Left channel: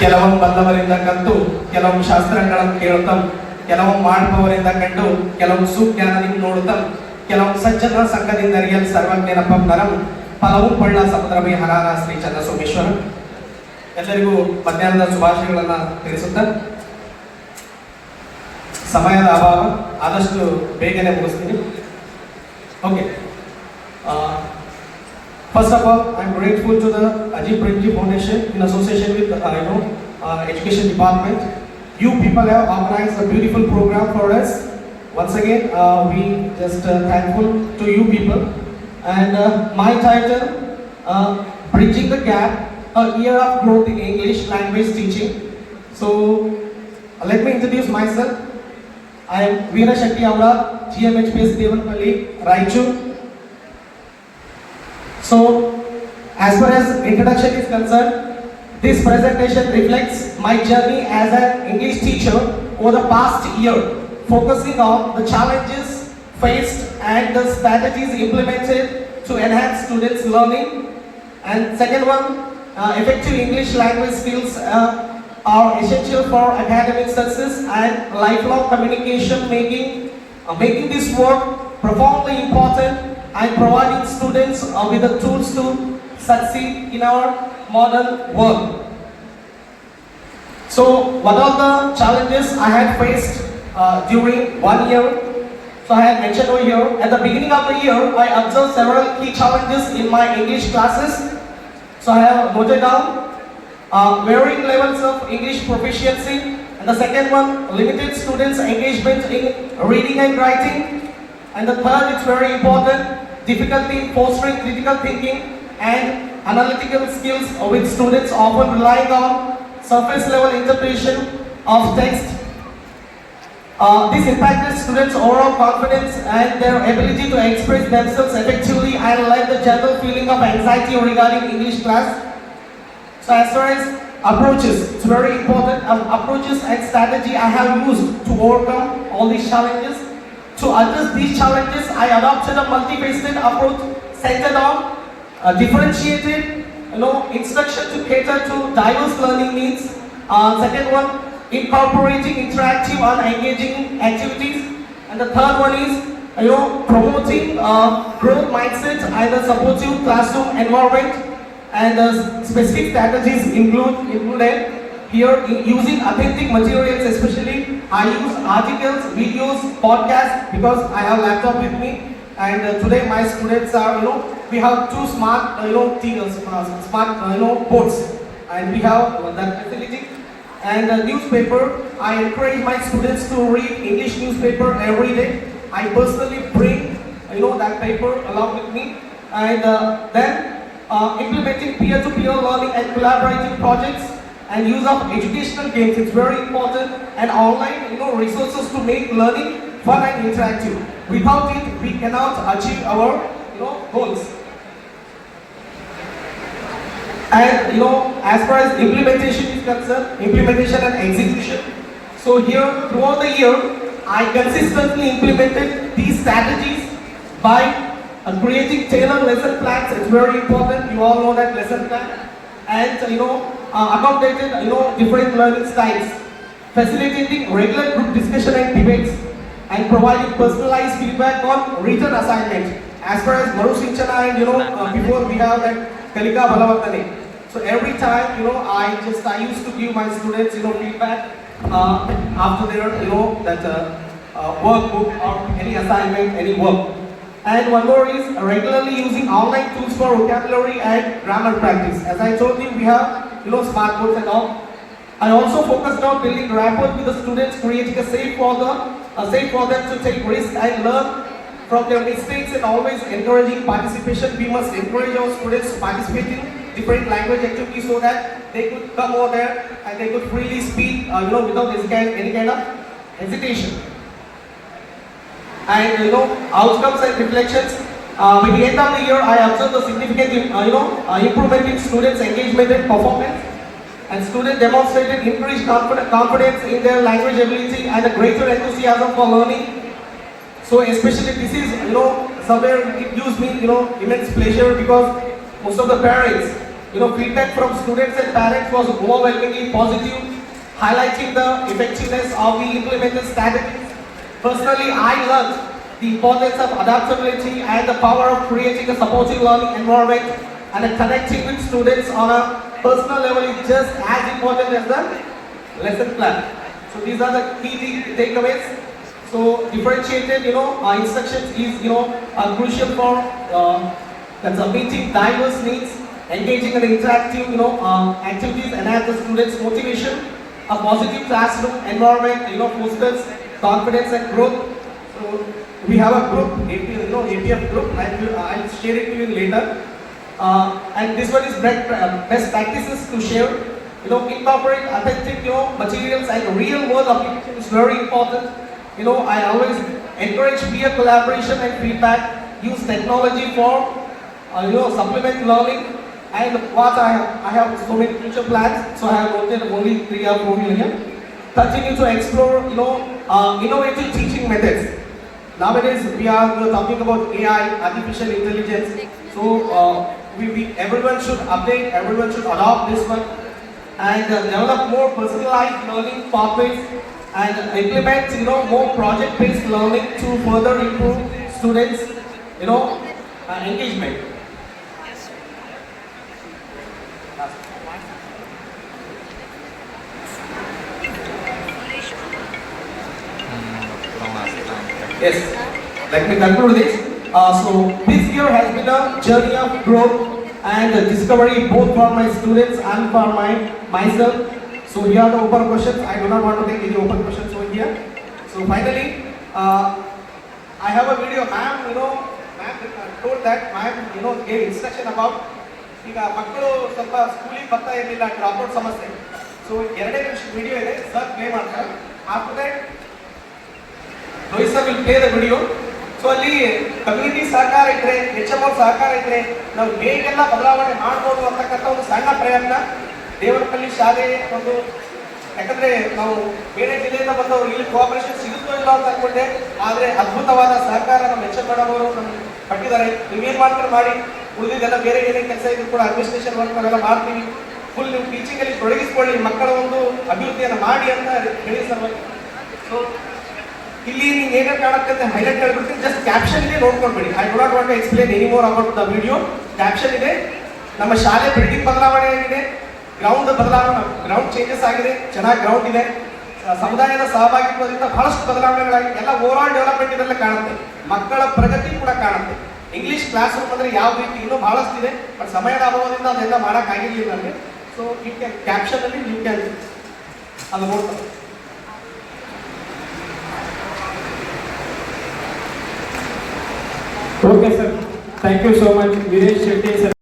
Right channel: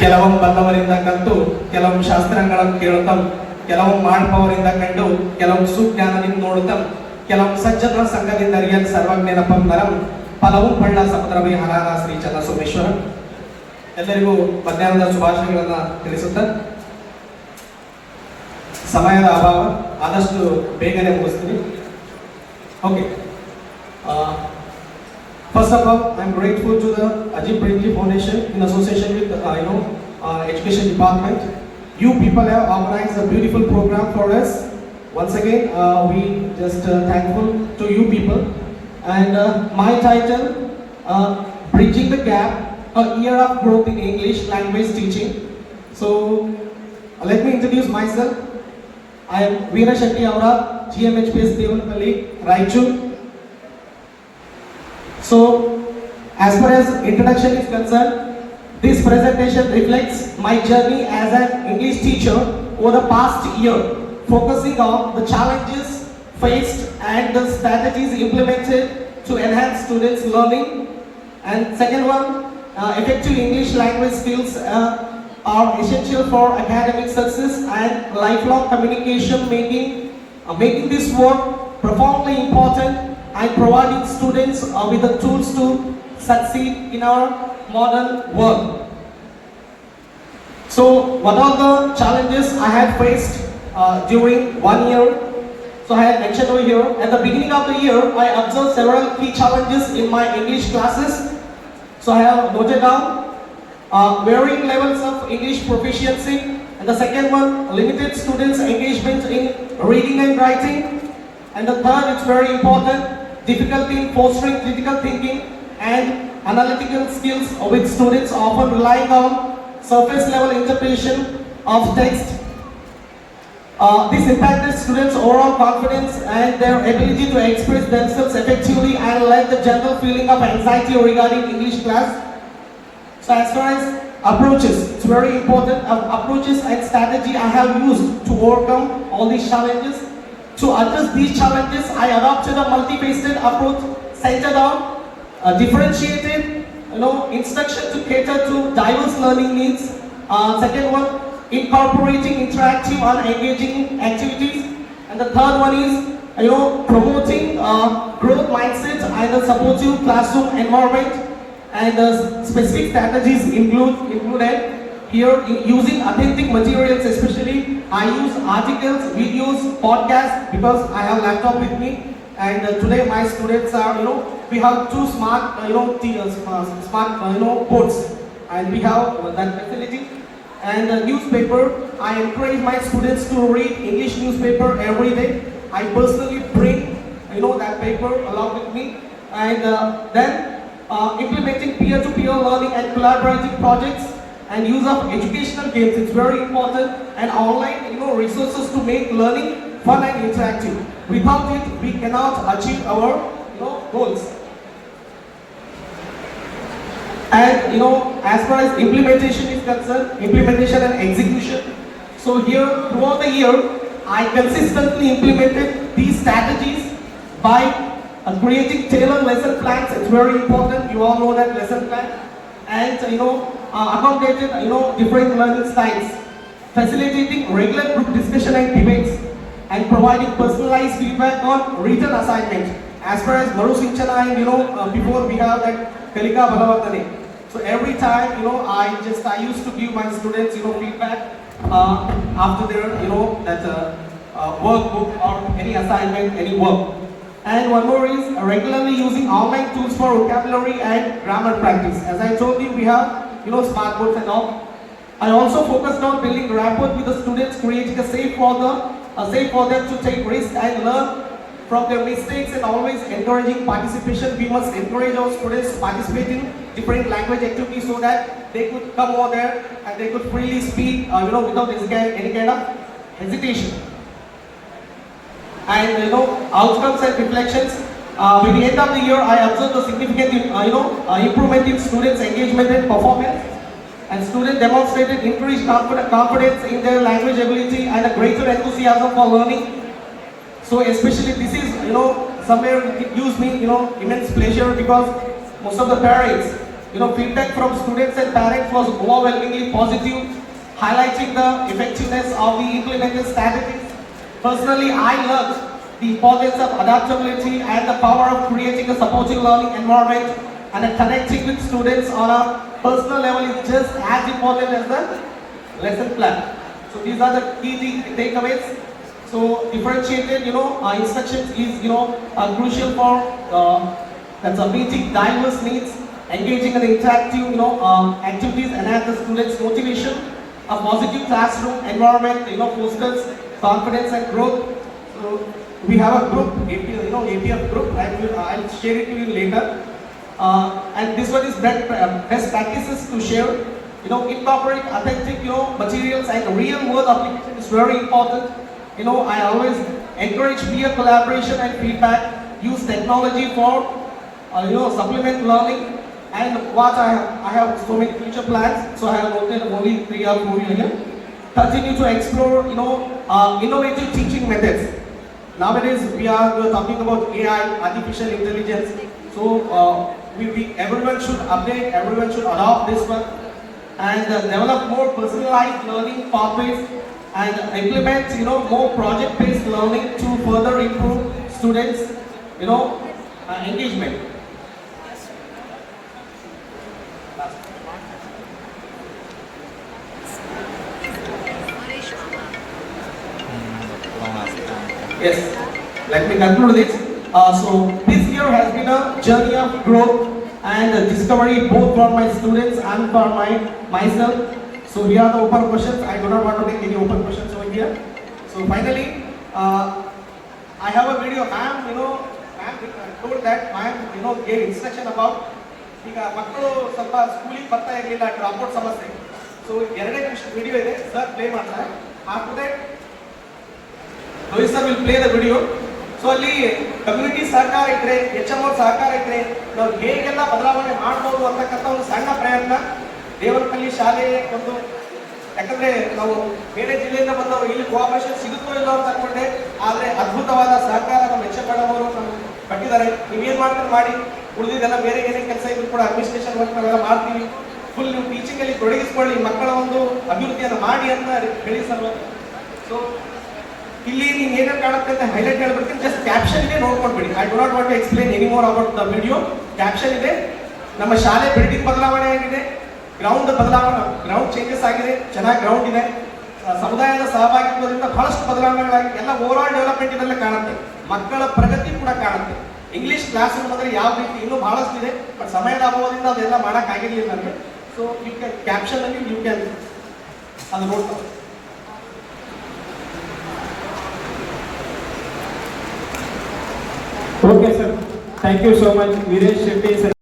ಕೆಲವು ಬಲ್ಲವರಿಂದ ಕಲಿತು ಕೆಲವು ಶಾಸ್ತ್ರಗಳನ್ನು ಕೇಳುತ್ತಂ, ಕೆಲವು ಮಾಡುವವರಿಂದ ಕಂಡು ಕೆಲವು ಸುಜ್ಞಾನದಿಂದ ನೋಡುತ್ತಂ, ಕೆಲವು ಸಜ್ಜನ ಸಂಘದಿಂದ ಅರಿಯಲ್ ಸರ್ವಜ್ಞನಪಂ ನರಂ ಫಲವು ಪಳ್ಳ ಸಪ್ತಮಿ ಹರಾನ ಶ್ರೀ ಚನ್ನಸೋಮೇಶ್ವರ. ಎಲ್ಲರಿಗೂ ಮಧ್ಯಾಹ್ನದ ಶುಭಾಶಯಗಳನ್ನು ತಿಳಿಸುತ್ತ ಸಮಯದ ಅಭಾವ, ಆದಷ್ಟು ಬೇಗನೆ ಮುಗಿಸ್ತೀನಿ. Okay, first of all, I am grateful to the Ajit Premji Foundation in association with Education Department. You people have organized a beautiful program for us. Once again, we just thankful to you people. And my title, Bridging the Gap, a year of growth in English language teaching. So, let me introduce myself. I am Veera Shakti Amra, GMHPS Devanpalli, Raichur. So, as far as introduction is concerned, this presentation reflects my journey as an English teacher over the past year, focusing on the challenges faced and the strategies implemented to enhance students' learning. And second one, effective English language skills are essential for academic success and lifelong communication, making this work profoundly important and providing students with the tools to succeed in our modern world. So, what are the challenges I had faced during 1 year? So, I had mentioned over here, at the beginning of the year, I observed several key challenges in my English classes. So, I have noted down varying levels of English proficiency, and the second one, limited students' engagement in reading and writing, and the third, it's very important, difficulty in fostering critical thinking and analytical skills, with students often relying on surface level interpretation of text. This impacted students' overall confidence and their ability to express themselves effectively and led the general feeling of anxiety regarding English class. So as far as approaches, it's very important, approaches and strategy I have used to overcome all these challenges. To address these challenges, I adopted a multifaceted approach centered on differentiated instruction to cater to diverse learning needs. Second one, incorporating interactive and engaging activities. And the third one is promoting growth mindset and a supportive classroom environment. And the specific strategies included here using authentic materials, especially I use articles, videos, podcasts, because I have laptop with me. And today my students are, we have two smart, smart, boards, and we have that facility. And newspaper, I encourage my students to read English newspaper every day. I personally bring, that paper along with me. And then implementing peer-to-peer learning and collaborative projects and use of educational games. It's very important, and online, resources to make learning fun and interactive. Without it, we cannot achieve our, goals. And as far as implementation is concerned, implementation and execution. So here, throughout the year, I consistently implemented these strategies by creating tailored lesson plans. It's very important. You all know that lesson plan. And accommodated different learning styles, facilitating regular group discussion and debates, and providing personalized feedback on written assignment. As far as Maru Sinchana and before we have that Kalika Balavatane. So every time I used to give my students feedback after their that workbook or any assignment, any work. And one more is regularly using online tools for vocabulary and grammar practice. As I told you, we have smart boards and all. I also focused on building rapport with the students, creating a safe for them to take risks and learn from their mistakes, and always encouraging participation. We must encourage our students to participate in different language activities so that they could come over there and they could freely speak, without any kind of hesitation. And outcomes and reflections. By the end of the year, I observed a significant improvement in students' engagement and performance, and students demonstrated increased confidence in their language ability and a greater enthusiasm for learning. So especially this is somewhere it gives me immense pleasure, because most of the parents feedback from students and parents was overwhelmingly positive, highlighting the effectiveness of the implemented strategies. Personally, I learned the importance of adaptability and the power of creating a supportive learning environment, and connecting with students on a personal level is just as important as the lesson plan. So these are the key takeaways. So differentiated, instructions is, crucial for meeting diverse needs, engaging in interactive, activities, enhance the students' motivation. A positive classroom environment, fosters confidence and growth. So we have a group, APF group. I'll share it to you later. And this one is best practices to share. Incorporate authentic, materials and real world application is very important. I always encourage peer collaboration and feedback. Use technology for, supplement learning. And what I have so many future plans. So I have noted only 3 or 4 million. Continue to explore, innovative teaching methods. Nowadays we are talking about AI, artificial intelligence. So everyone should update, everyone should adopt this one, and develop more personalized learning pathways, and implement more project-based learning to further improve students engagement. Yes, let me conclude this. So this year has been a journey of growth and discovery both for my students and for myself. So here are the open questions. I do not want to take any open questions over here. So finally, I have a video. Ma'am, told that ma'am, gave instruction about ಈಗ ಮಕ್ಕಳು ಸ್ವಲ್ಪ ಸ್ಕೂಲಿಗೆ ಬರ್ತಾ ಇರಲಿಲ್ಲ dropout ಸಮಸ್ಯೆ. So 2 ನಿಮಿಷ video ಇದೆ, sir play ಮಾಡ್ತಾರೆ. After that Rohit sir will play the video. So ಅಲ್ಲಿ ಕಮ್ಯುನಿಟಿ ಸಹಕಾರ ಇದ್ರೆ, HMO ಸಹಕಾರ ಇದ್ರೆ ನಾವು ಹೇಗೆಲ್ಲ ಬದಲಾವಣೆ ಮಾಡ್ಬೋದು ಅಂತಕ್ಕಂಥ ಒಂದು ಸಣ್ಣ ಪ್ರಯತ್ನ ದೇವರಪಲ್ಲಿ ಶಾಲೆ ಒಂದು. ಯಾಕಂದ್ರೆ ನಾವು ಬೇರೆ ಜಿಲ್ಲೆಯಿಂದ ಬಂದವರು ಇಲ್ಲಿ ಕೋಆಪರೇಷನ್ ಸಿಗುತ್ತೋ ಇಲ್ಲ ಅಂತ ಅನ್ಕೊಂಡೆ, ಆದ್ರೆ ಅದ್ಭುತವಾದ ಸಹಕಾರ ನಮ್ಮ HM ಅವರು ಪಟ್ಟಿದ್ದಾರೆ. ನೀವೇನ್ ಮಾಡ್ತಾರೆ ಮಾಡಿ, ಉಳಿದಿದ್ದೆಲ್ಲ ಬೇರೆ ಏನೇ ಕೆಲಸ ಇದ್ರು ಕೂಡ ಅಡ್ಮಿನಿಸ್ಟ್ರೇಷನ್ ವರ್ಕ್ ನಾವೆಲ್ಲ ಮಾಡ್ತೀವಿ. ಫುಲ್ ನೀವು ಟೀಚಿಂಗ್ ಅಲ್ಲಿ ತೊಡಗಿಸ್ಕೊಳ್ಳಿ, ಮಕ್ಕಳ ಒಂದು ಅಭಿವೃದ್ಧಿಯನ್ನು ಮಾಡಿ ಅಂತ ಹೇಳಿ ಸರ್. ಸೊ ಇಲ್ಲಿ ನೀವು ಏನೇನು ಕಾಣುತ್ತೆ ಅಂತ ಹೈಲೈಟ್ ಹೇಳ್ಬಿಡ್ತೀನಿ. ಜಸ್ಟ್ ಕ್ಯಾಪ್ಷನ್ ಇದೆ, ನೋಡ್ಕೊಂಡ್ಬಿಡಿ. I do not want to explain any more about the video. Caption ಇದೆ. ನಮ್ಮ ಶಾಲೆ ಬಿಲ್ಡಿಂಗ್ ಬದಲಾವಣೆ ಆಗಿದೆ, ಗ್ರೌಂಡ್ ಬದಲಾವಣೆ, ಗ್ರೌಂಡ್ ಚೇಂಜಸ್ ಆಗಿದೆ, ಚೆನ್ನಾಗಿ ಗ್ರೌಂಡ್ ಇದೆ, ಸಮುದಾಯದ ಸಹಭಾಗಿತ್ವದಿಂದ ಬಹಳಷ್ಟು ಬದಲಾವಣೆಗಳಾಗಿದೆ. ಎಲ್ಲ ಓವರ್ ಆಲ್ ಡೆವಲಪ್ಮೆಂಟ್ ಇದೆಲ್ಲ ಕಾಣುತ್ತೆ, ಮಕ್ಕಳ ಪ್ರಗತಿ ಕೂಡ ಕಾಣುತ್ತೆ. ಇಂಗ್ಲಿಷ್ ಕ್ಲಾಸ್ ರೂಮ್ ಅಂದ್ರೆ ಯಾವ ರೀತಿ ಇನ್ನೂ ಬಹಳಷ್ಟು ಇದೆ, ಬಟ್ ಸಮಯದ ಅಭಾವದಿಂದ ಅದೆಲ್ಲ ಮಾಡಕ್ ಆಗಿರ್ಲಿಲ್ಲ ನಮಗೆ. ಸೊ ಯು ಕ್ಯಾನ್ ಕ್ಯಾಪ್ಷನ್ ಅಲ್ಲಿ ಯು ಕ್ಯಾನ್ ಅದು ನೋಡ್ತಾರೆ. Okay, sir. Thank you so much, Viresh Shetty sir.